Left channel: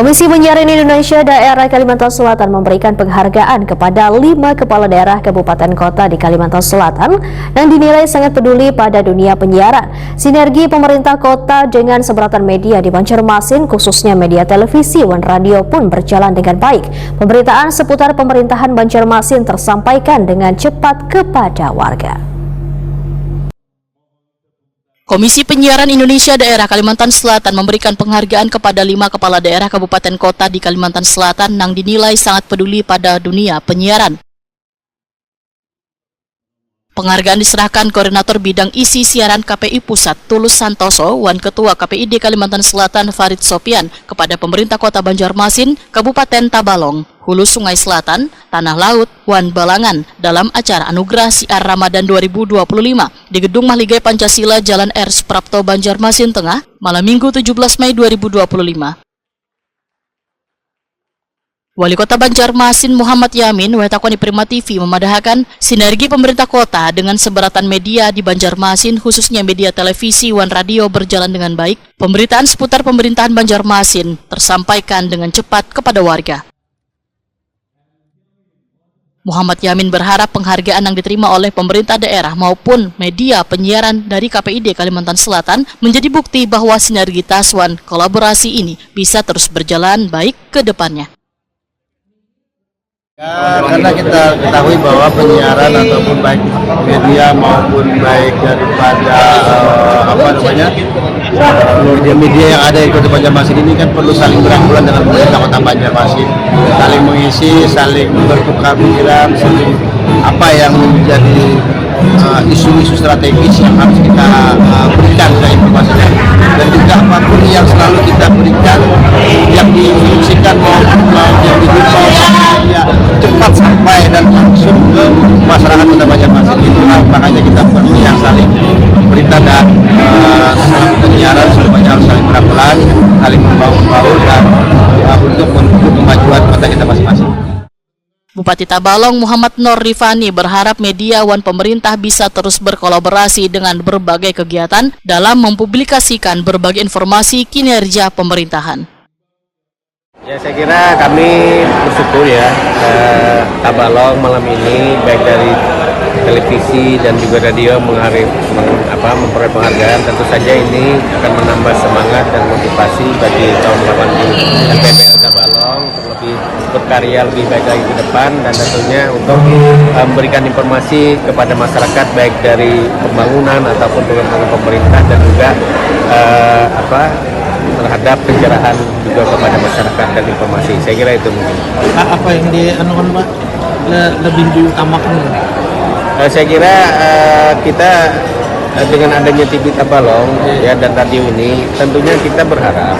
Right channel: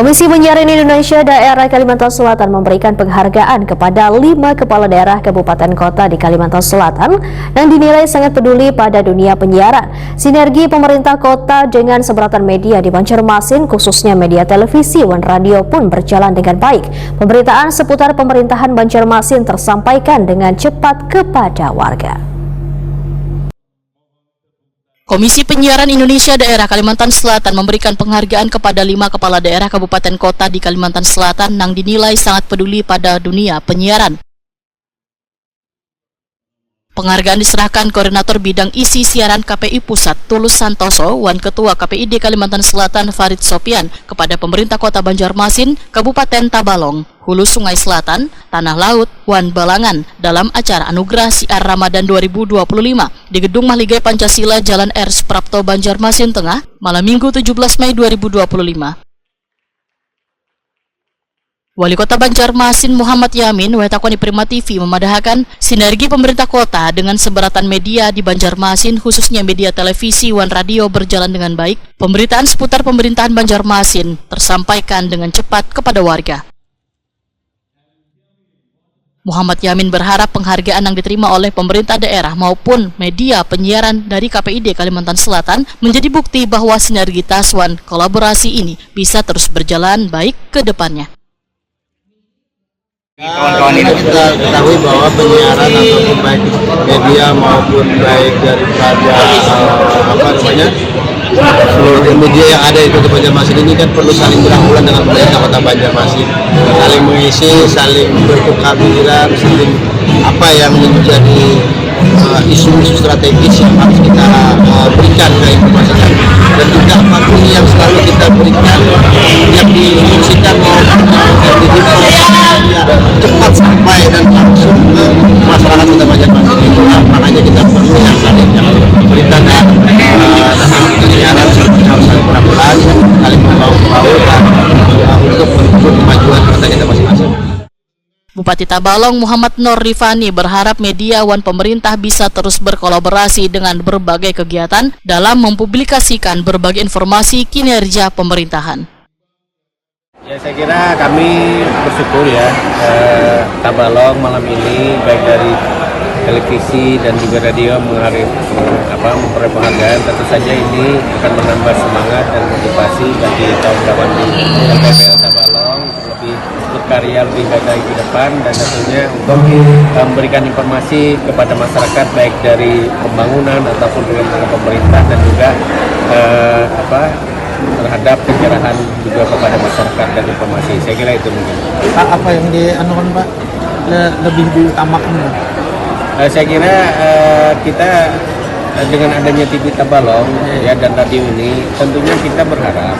Komisi Penyiaran Indonesia Daerah Kalimantan Selatan memberikan penghargaan kepada 5 kepala daerah kabupaten kota di Kalimantan Selatan yang dinilai sangat peduli pada dunia penyiaran. Sinergi pemerintah kota dengan seberatan media di Banjarmasin, khususnya media televisi dan radio pun berjalan dengan baik. Pemberitaan seputar pemerintahan Banjarmasin tersampaikan dengan cepat kepada warga. Komisi Penyiaran Indonesia Daerah Kalimantan Selatan memberikan penghargaan kepada 5 kepala daerah kabupaten kota di Kalimantan Selatan yang dinilai sangat peduli pada dunia penyiaran. Penghargaan diserahkan Koordinator Bidang Isi Siaran KPI Pusat Tulus Santoso dan Ketua KPID Kalimantan Selatan Farid Sofian kepada pemerintah kota Banjarmasin, Kabupaten Tabalong, Hulu Sungai Selatan, Tanah Laut, Wan Balangan dalam acara Anugerah Siar Ramadan 2025 di Gedung Mahligai Pancasila Jalan R. Suprapto Banjarmasin Tengah, malam Minggu 17 Mei 2025. Wali Kota Banjarmasin Muhammad Yamin mengatakan di Prima TV memadahkan sinergi pemerintah kota dengan seberatan media di Banjarmasin, khususnya media televisi dan radio berjalan dengan baik. Pemberitaan seputar pemerintahan Banjarmasin tersampaikan dengan cepat kepada warga. Muhammad Yamin berharap penghargaan yang diterima oleh pemerintah daerah maupun media penyiaran dari KPID Kalimantan Selatan menjadi bukti bahwa sinergitas dan kolaborasi ini bisa terus berjalan baik ke depannya. Karena kita ketahui bahwa penyiaran ataupun baik media maupun baik daripada seluruh media yang ada di Kota Banjarmasin ini kan perlu saling berangkulan dengan pemerintah Kota Banjarmasin, saling mengisi, saling bertukar pikiran, saling apa yang menjadi isu-isu strategis yang harus kita berikan ke informasikan, dan juga apapun yang selalu kita berikan yang diinstruksikan maupun yang dihimbau ya cepat sampai dan langsung ke masyarakat Kota Banjarmasin. Itu makanya kita perlu yang saling berita dan penyiaran semuanya harus saling berangkulan, saling membaur dan untuk menuju kemajuan kota kita masing-masing. Bupati Tabalong Muhammad Nur Rifani berharap media dan pemerintah bisa terus berkolaborasi dengan berbagai kegiatan dalam mempublikasikan berbagai informasi kinerja pemerintahan. Ya, saya kira kami bersyukur ya, Tabalong malam ini baik dari televisi dan juga radio memperoleh penghargaan. Tentu saja ini akan menambah semangat dan motivasi bagi kawan-kawan di LPPL Tabalong untuk lebih berkarya lebih baik lagi ke depan, dan tentunya untuk memberikan informasi kepada masyarakat baik dari pembangunan ataupun program pemerintah dan juga terhadap pencerahan juga kepada masyarakat dan informasi. Saya kira itu mungkin. Apa yang dianukan Pak lebih diutamakan? Saya kira kita dengan adanya TV Tabalong ya dan radio ini tentunya kita berharap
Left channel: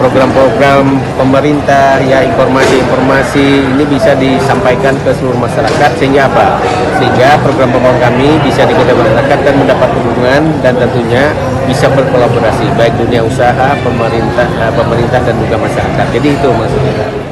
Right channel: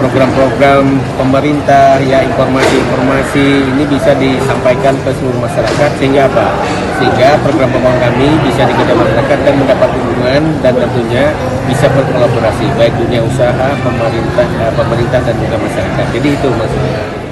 program-program pemerintah ya informasi-informasi ini bisa disampaikan ke seluruh masyarakat sehingga apa? Sehingga program-program kami bisa diketahui masyarakat dan mendapat dukungan dan tentunya bisa berkolaborasi baik dunia usaha, pemerintah dan juga masyarakat. Jadi itu maksudnya.